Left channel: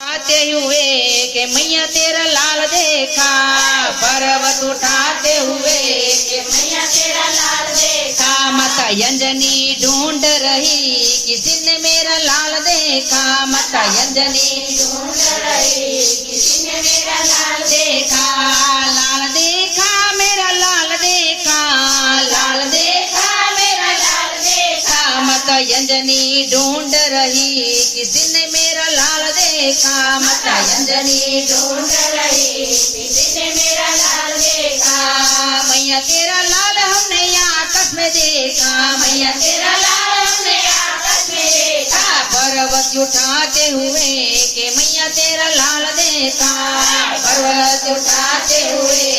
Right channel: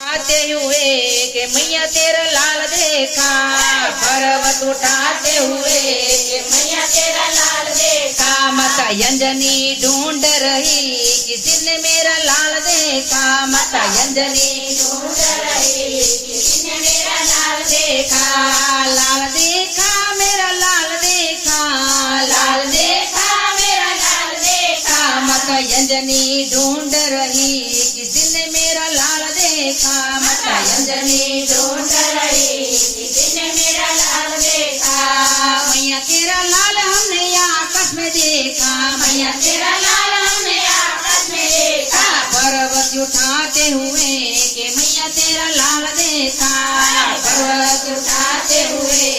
आते हुए कि मैया तेरा लाल देखा, पर्वत उठाते हुए कि मैया तेरा लाल देखा। माता अंजनी ढूंढ रही किसी ने मेरा लाल देखा, माता अंजनी ढूंढ रही किसी ने मेरा लाल देखा। लाल देखा मेरा लाल देखा, लाल देखा मेरा लाल देखा। माता अंजनी ढूंढ रही किसी ने मेरा लाल देखा, माता अंजनी ढूंढ रही किसी ने मेरा लाल देखा। मैया तेरा लाल हमने आकाश में देखा, मैया तेरा लाल हमने आकाश में देखा। पर्वत उठाते हुए कि मैया तेरा लाल देखा, पर्वत उठाते हुए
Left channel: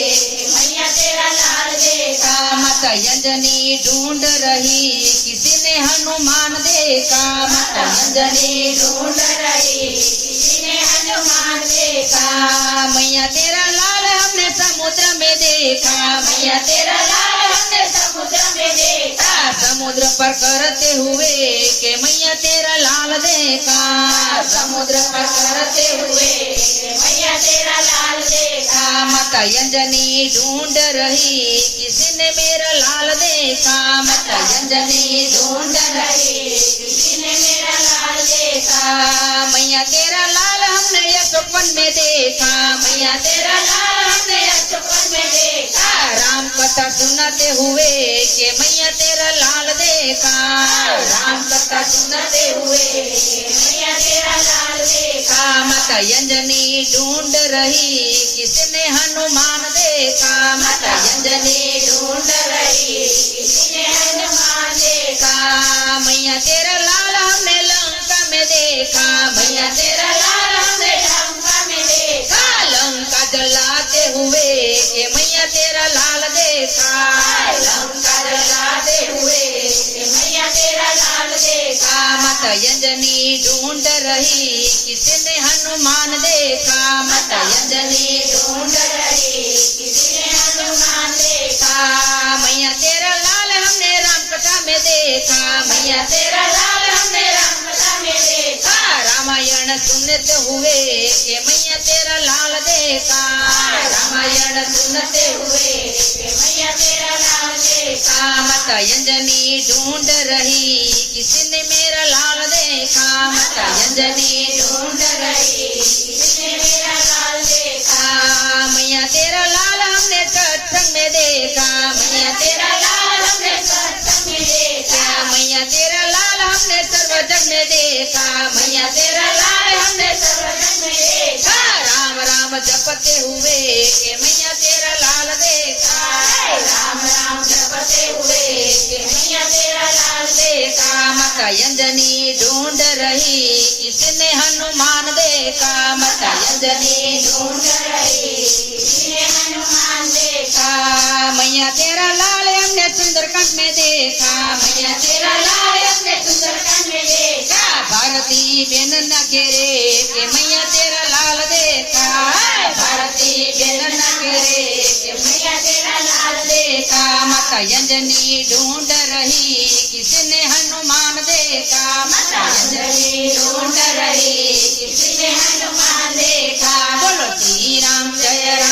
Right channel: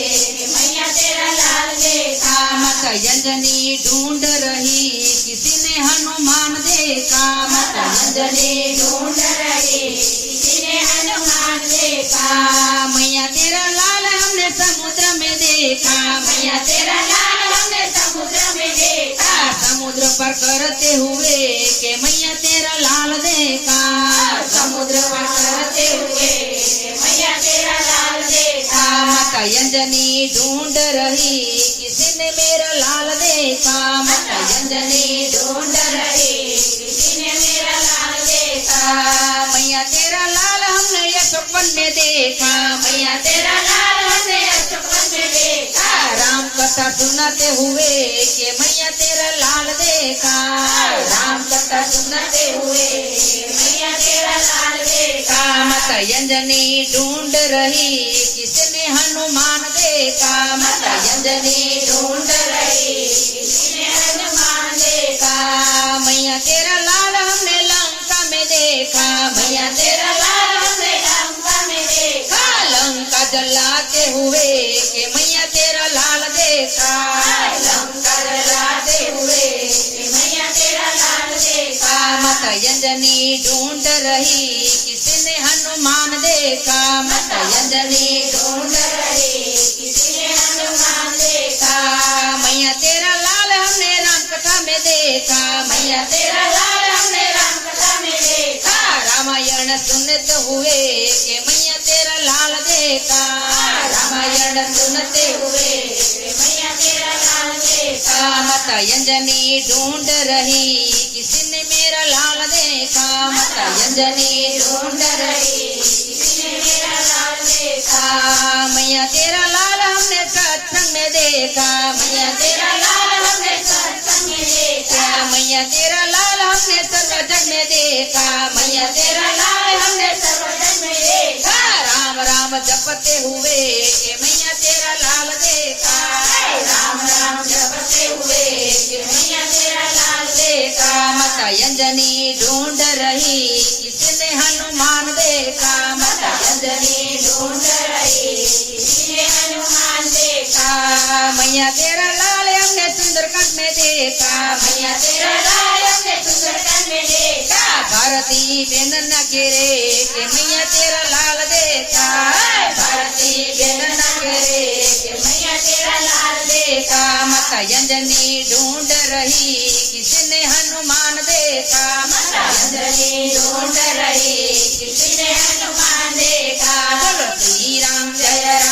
मैया तेरा लाल देखा। माता अंजनी ढूंढ रही किसी ने हनुमान देखा, माता अंजनी ढूंढ रही किसी ने हनुमान देखा। मैया तेरा लाल हमने समुद्र में देखा, मैया तेरा लाल हमने समुद्र में देखा। समुद्र पर करते हुए कि मैया तेरा लाल देखा, समुद्र पर करते हुए मैया तेरा लाल देखा। माता अंजनी ढूंढ रही किसी ने मेरा लाल देखा, माता अंजनी ढूंढ रही किसी ने मेरा लाल देखा। मैया तेरा लाल हमने यशोवन में देखा, मैया तेरा लाल हमने यशोवन में देखा। राम कथा सुनाते हुए कि मैया तेरा लाल देखा, राम कथा सुनाते हुए मैया तेरा लाल देखा। माता अंजनी ढूंढ रही किसी ने हनुमान देखा, माता अंजनी ढूंढ रही किसी ने हनुमान देखा। मैया तेरा लाल हमने लंका में देखा, मैया तेरा लाल हमने लंका में देखा। लंका जलाते हुए कि मैया तेरा लाल देखा, लंका जलाते हुए कि मैया तेरा लाल देखा। माता अंजनी ढूंढ रही किसी ने हनुमान देखा, माता अंजनी ढूंढ रही किसी ने हनुमान देखा। मैया तेरा लाल हमने राम कथा में देखा, मैया तेरा लाल हमने राम कथा में देखा। रामायण सुनते हुए कि मैया तेरा लाल देखा, रामायण सुनते हुए कि मैया तेरा लाल देखा। माता अंजनी ढूंढ रही किसी ने मेरा लाल देखा, माता अंजनी ढूंढ रही किसी ने मेरा लाल देखा। मैया तेरा लाल हमने सत्संग में देखा, मैया तेरा लाल हमने सत्संग में देखा। मैया तेरा लाल हमने सर्वजन में देखा, मैया तेरा लाल हमने सर्वजन में देखा। राम राम जपते हुए कि मैया तेरा लाल देखा, राम राम जपते हुए कि मैया तेरा लाल देखा। माता अंजनी ढूंढ रही किसी ने हनुमान देखा, माता अंजनी ढूंढ रही किसी ने हनुमान देखा। मैया तेरा लाल हमने सुंदरकांड में देखा, मैया तेरा लाल हमने सुंदरकांड में देखा। भारती बेन न गिरे कि मैया तेरा लाल देखा, भारती बेन न गिरे कि मैया तेरा लाल देखा। माता अंजनी ढूंढ रही किसी ने हनुमान देखा, माता अंजनी ढूंढ रही किसी ने हनुमान देखा। बोलो श्री राम जय राम।